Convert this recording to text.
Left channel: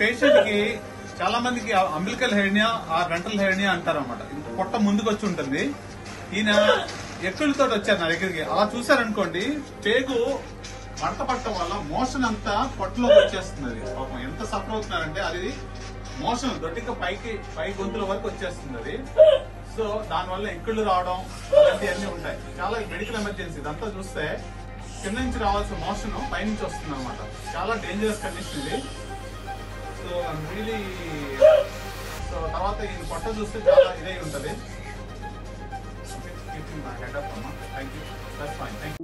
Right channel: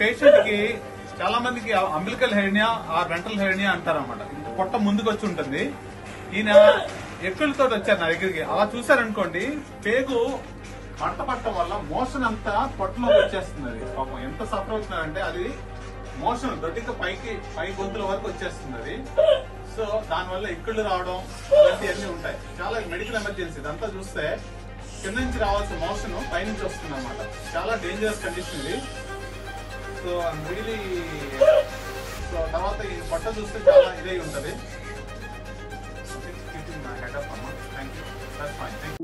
Patient కి చాలా మందికి అంబిలికల్ హెర్నియా ఆ వెంట్రల్ హెర్నియా అంటారు అనమాట. పొట్ట ముందుకు వచ్చి ఉంటుంది. ఈయన ఎక్కులతో వచ్చారు నా దగ్గరికి. అలా చూసారనుకోండి, పేగు మడత పట్టడం వల్ల మోషన్ అంతా పొట్టలోకి వచ్చేస్తుంది. పాపం ఎంత సఫర్ అవుతున్నారంటే అది మోషన్ దొడ్డిక పై గొంతుల వరకు వచ్చేస్తుంది అది. సో దానివల్ల ఎక్కుళ్ళు రావడం అలాంటివన్నీ ఉంటాయి. చాలా మెడికల్ ఎమర్జెన్సీ. ఇదంతా చూస్తే కింద నుంచి రావాల్సిన మోషన్ పైనుంచి వస్తుంది అనమాట. చాలా డేంజరస్ కండిషన్ ఇది. సో రియలీ తర్వాత ఈ పొట్ట చూస్తే చాలా ఇదై ఉంటది. Keeping my head up, Amma. Thank you. That's fine. Thank you.